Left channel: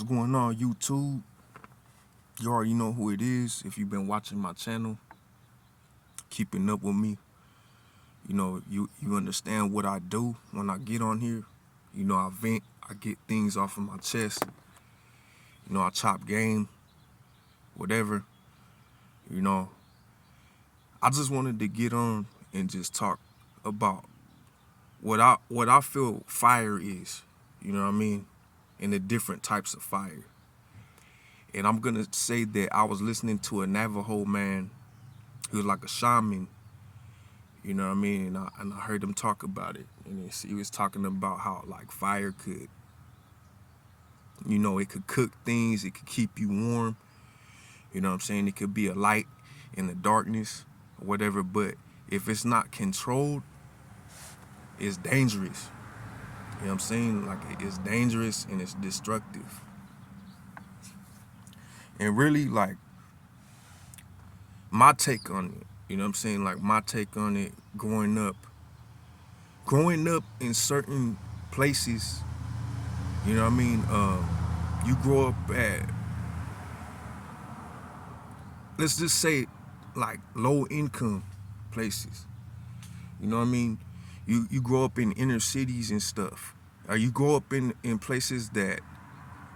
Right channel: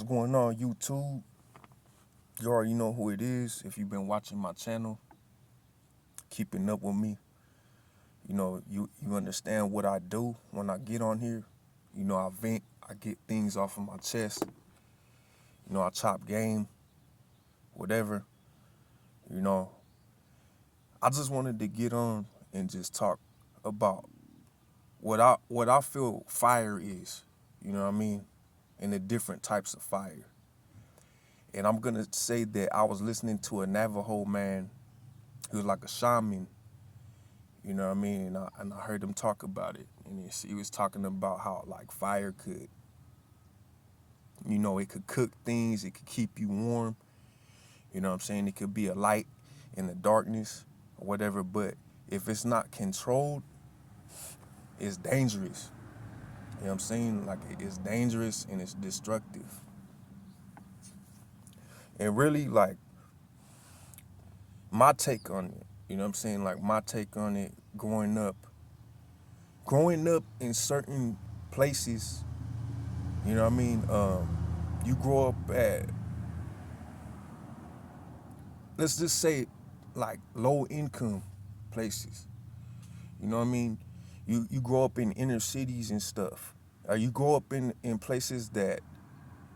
What's going on, YouTube? You already know who it is. If you've been watching my channel, keeping up with me, you understand what I do when I get on here. I vent, I get things off of my chest. I chop game, whatever. You know, I just wanted to get on and just talk about what I feel fire is. You know what I mean? And the different types of fire. And I'm gonna say that I was listening to a Navajo man who was like a shaman, you know what I mean? And I heard him talk about it. And he was talking about how like fire could, it could cook things, it could keep you warm. You know what I'm saying? It could be a light in the darkness or whatever, but if it's not controlled, it's dangerous. You know what I'm saying? Like it's dangerous and it's destructive. And really like my take on it, you know what I'm saying? Like my take on it growing up in certain places, you know what I mean? You grow up at, let's just say, like low income places. You know what I mean? You grow up in inner cities and stuff. Or you grow up in places that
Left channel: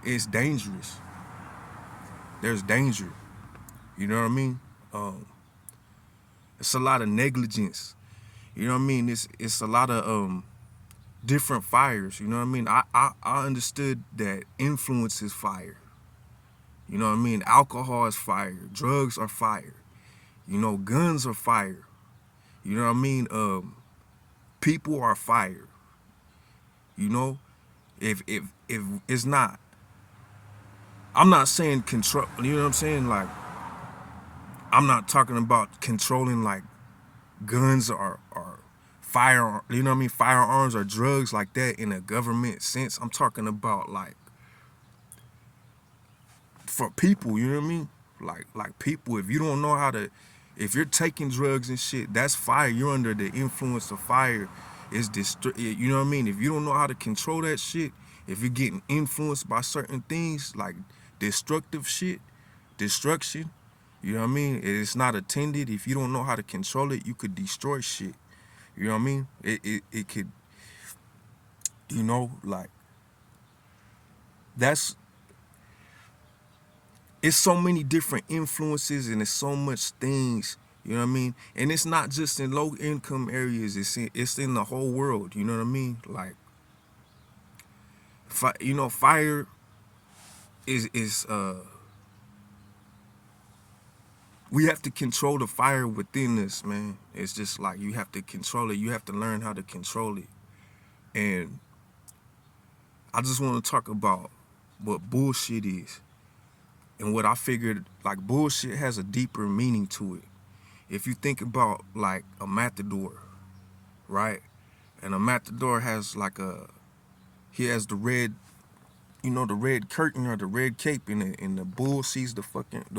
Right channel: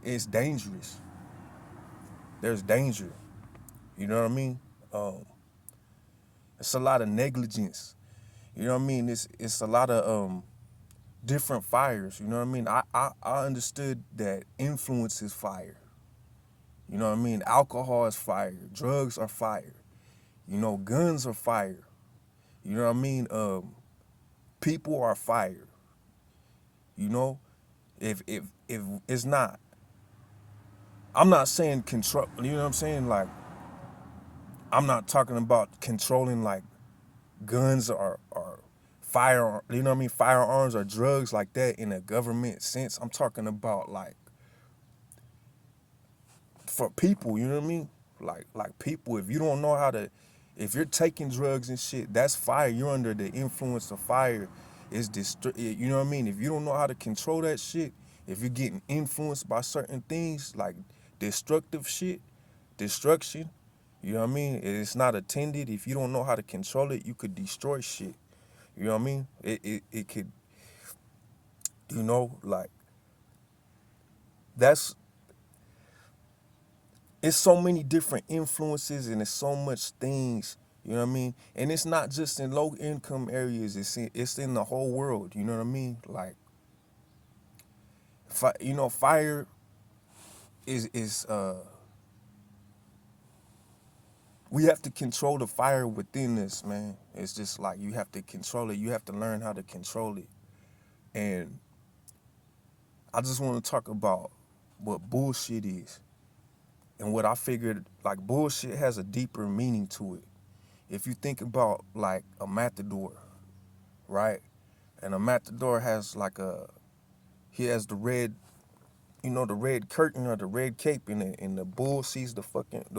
it's dangerous. There's danger. You know what I mean? It's a lot of negligence. You know what I mean? It's a lot of different fires. You know what I mean? I understood that influence is fire. You know what I mean? Alcohol is fire. Drugs are fire. Guns are fire. You know what I mean? People are fire. You know, if it's not, I'm not saying control. You know what I'm saying? Like, I'm not talking about controlling like guns or fire. You know what I mean? Firearms or drugs like that in a government sense. I'm talking about like for people. You know what I mean? Like people. If you don't know how to, if you're taking drugs and shit, that's fire. You're under the influence of fire. You know what I mean? If you don't know how to control that shit, if you're getting influenced by certain things like destructive shit, destruction, you know what I mean? It's not attended. If you don't know how to control it, you could destroy shit. You know what I mean? It could, like that's it's so many different influences and it's so much things. You know what I mean? And it's not just in low income areas. It's in the whole world. You know what I mean? Like, fire is we have to control the fire within us, man. It's just like you have to control it. You have to learn how to control it. And I just want to talk about what bullshit is. And what I figured, like, bullshit has a deeper meaning to it. If you think about like a matador, right? And a matador has like he has the red, the red curtain or the red cape in it, and the bull sees the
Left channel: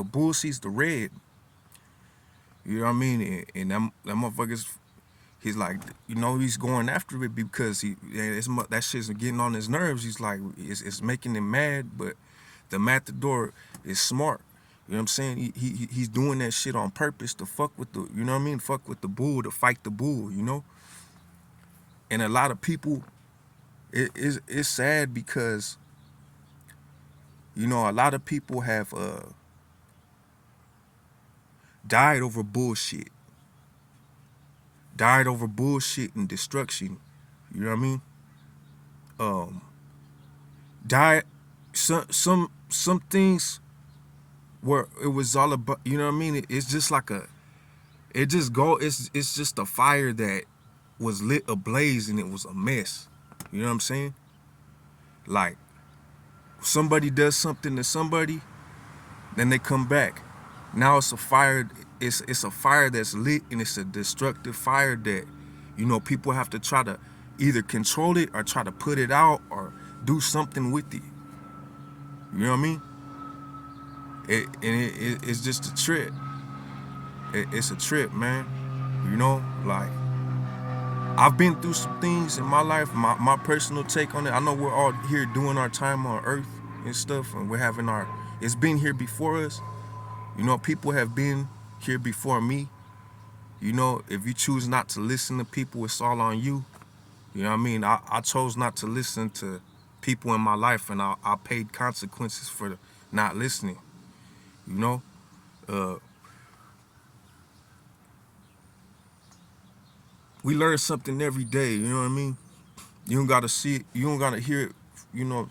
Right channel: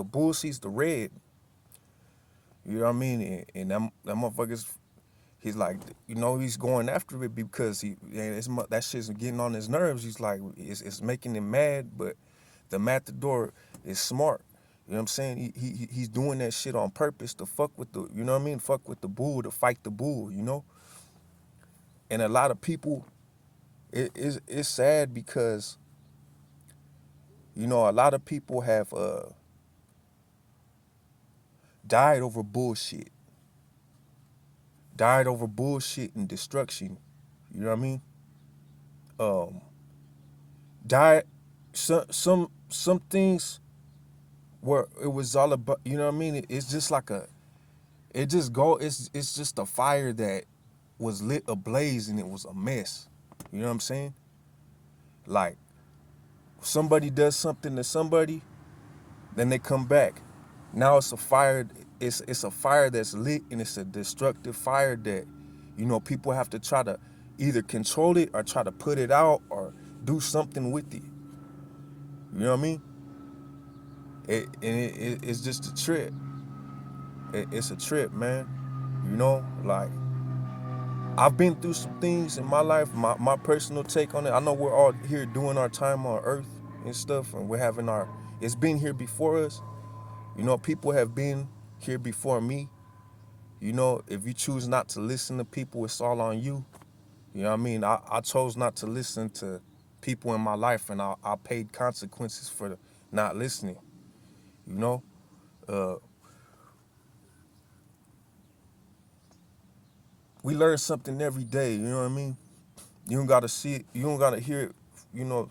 bull sees the red. You know what I mean? And that motherfucker's, he's like, he's going after it because that shit's getting on his nerves. He's like, it's making him mad, but the matador is smart. You know what I'm saying? He's doing that shit on purpose to fuck with the, you know what I mean? Fuck with the bull, to fight the bull, And a lot of people, it's sad because, a lot of people have died over bullshit. Died over bullshit and destruction. You know what I mean? Died some things where it was all about, you know what I mean? It's just like it's just a fire that was lit ablaze and it was a mess. You know what I'm saying? Like, somebody does something to somebody, then they come back. Now it's a fire, it's a fire that's lit, and it's a destructive fire that, people have to try to either control it or try to put it out or do something with it. You know what I mean? It's just a trip. It's a trip, man. Like, I've been through some things in my life, my personal take on it. I know we're all here doing our time on earth. and stuff, and we're having our, it's been here before us. You know, people have been here before me. You know, if you choose not to listen to people, it's all on you. You know what I mean? I chose not to listen to people in my life, and I paid consequences for not listening. You know, uh, we learn something every day. You know what I mean? You don't gotta see it. You don't gotta hear it. You know,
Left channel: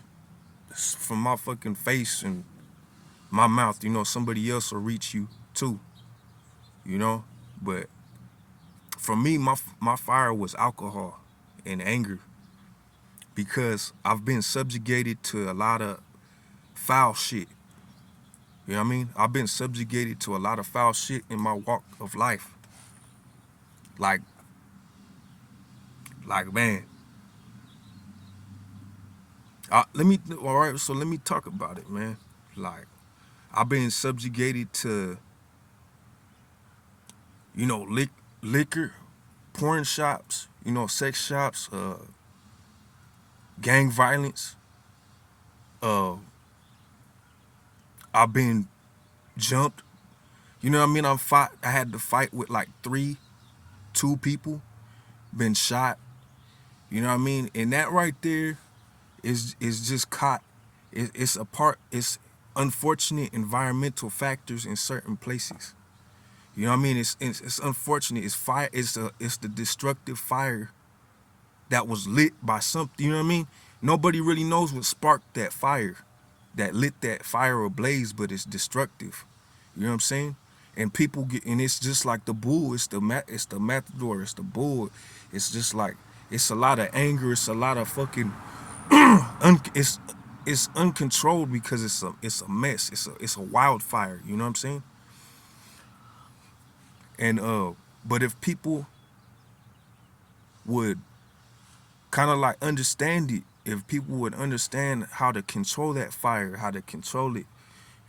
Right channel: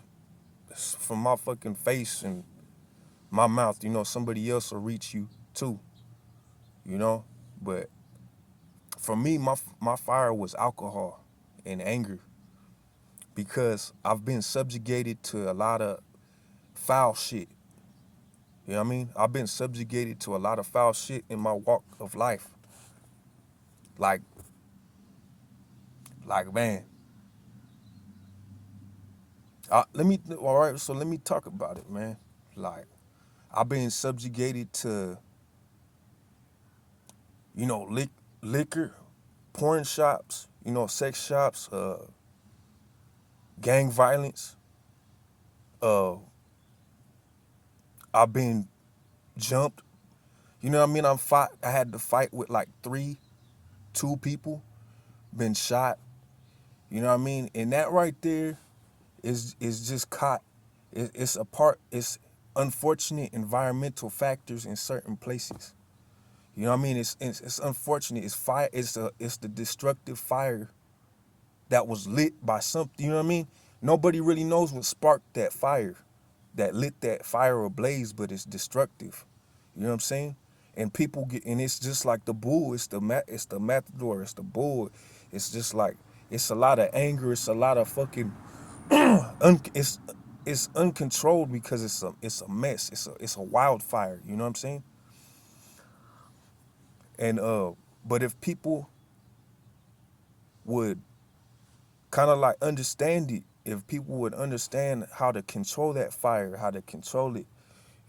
from my fucking face and my mouth. You know, somebody else will reach you too. You know, but for me, my fire was alcohol and anger because I've been subjugated to a lot of foul shit. You know what I mean? I've been subjugated to a lot of foul shit in my walk of life. Like, man, all right, so let me talk about it, man. Like, I've been subjugated to, you know, liquor, porn shops, you know, sex shops, gang violence. Uh, I've been jumped. You know what I mean? I had to fight with like two people, been shot. You know what I mean? And that right there is just caught. It's a part. It's unfortunate environmental factors in certain places. You know what I mean? It's unfortunate. It's fire. It's the destructive fire that was lit by something. You know what I mean? Nobody really knows what sparked that fire, that lit that fire ablaze, but it's destructive. You know what I'm saying? And people get, and it's just like the bull. It's the matador. It's the bull. It's just like, it's a lot of anger. It's a lot of fucking it's uncontrolled because it's a mess. It's a wildfire. You know what I'm saying? And but if people would kind of like understand it, if people would understand how to control that fire, how to control it,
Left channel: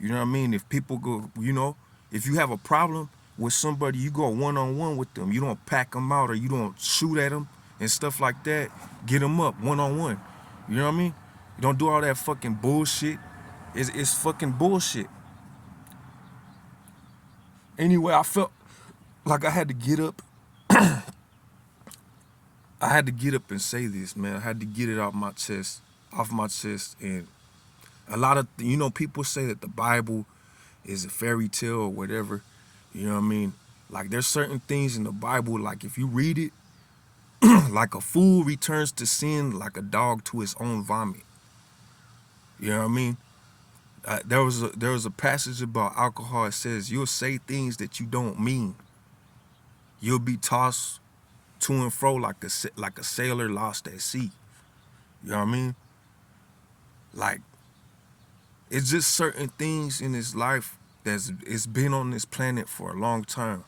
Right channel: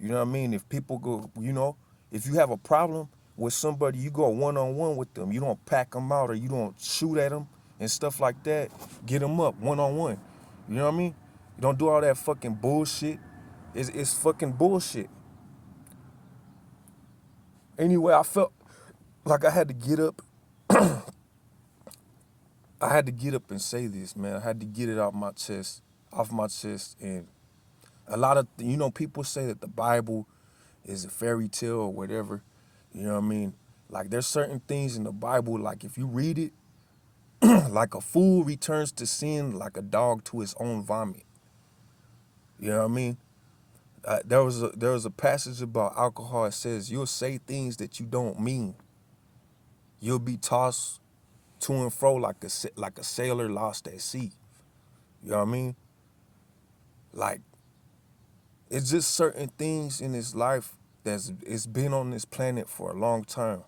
you know what I mean? If people go, you know, if you have a problem with somebody, you go one-on-one with them. You don't pack them out or you don't shoot at them and stuff like that. Get them up one-on-one. You know what I mean? You don't do all that fucking bullshit. It's fucking bullshit. Anyway, I felt like I had to get up. I had to get up and say this, man. I had to get it off my chest. And a lot of, you know, people say that the Bible is a fairy tale or whatever. You know what I mean? Like, there's certain things in the Bible, like if you read it, like a fool returns to sin like a dog to his own vomit. You know what I mean? There was a passage about alcohol. It says you'll say things that you don't mean. You'll be tossed to and fro like a sailor lost at sea. You know what I mean? Like, it's just certain things in this life it's been on this planet for a long time.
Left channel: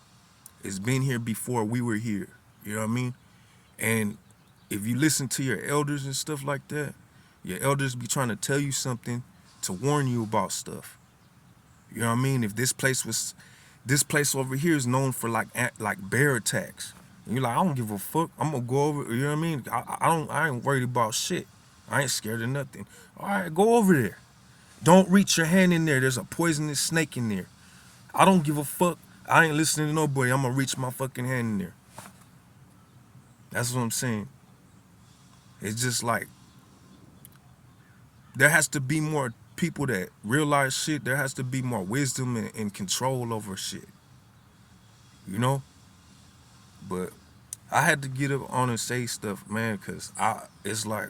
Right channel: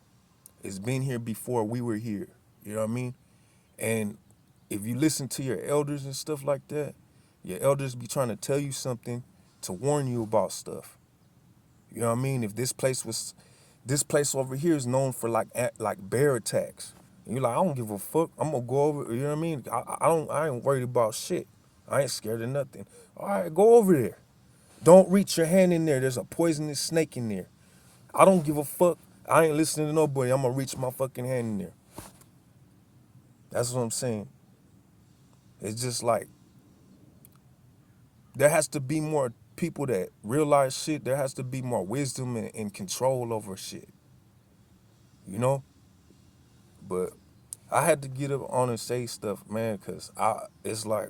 It's been here before we were here. You know what I mean? And if you listen to your elders and stuff like that, your elders be trying to tell you something to warn you about stuff. You know what I mean? If this place over here is known for like bear attacks. And you're like, I don't give a fuck. I'm gonna go over. You know what I mean? I ain't worried about shit. I ain't scared of nothing. All right, go over there. Don't reach your hand in there. There's a poisonous snake in there. I don't give a fuck. I ain't listening to nobody. I'm gonna reach my fucking hand in there. That's what I'm saying. It's just like, there has to be more people that realize shit. There has to be more wisdom and control over shit. You know? But I had to get up on and say stuff, man, because it's like,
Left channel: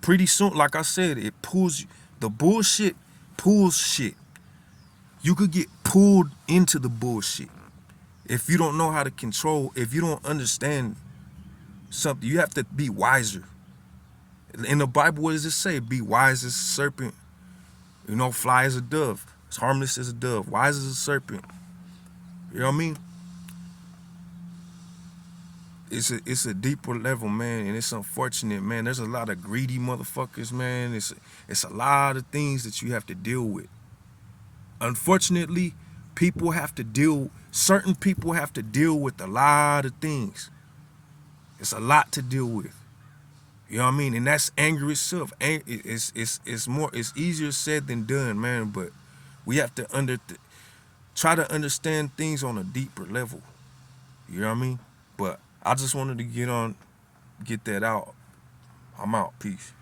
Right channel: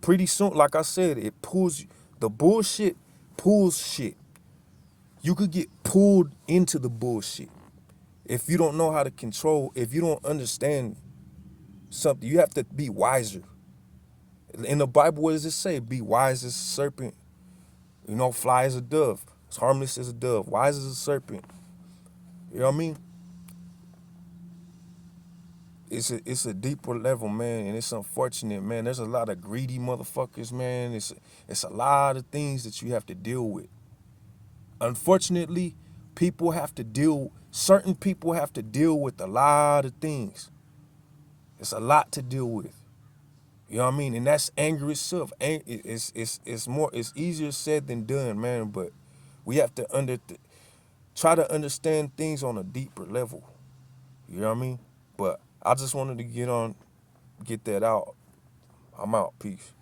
pretty soon, like I said, it pulls, the bullshit pulls shit. You could get pulled into the bullshit. If you don't know how to control, if you don't understand something, you have to be wiser. In the Bible, what does it say? Be wise as a serpent. You know, fly as a dove. It's harmless as a dove. Wise as a serpent. You know what I mean? It's a deeper level, man, and it's unfortunate, man. There's a lot of greedy motherfuckers, man. It's a lot of things that you have to deal with. Unfortunately, certain people have to deal with a lot of things. It's a lot to deal with. You know what I mean? And that's anger itself. It's easier said than done, man. But we have to try to understand things on a deeper level. You know what I mean? But I just wanted to get that out. I'm out. Peace.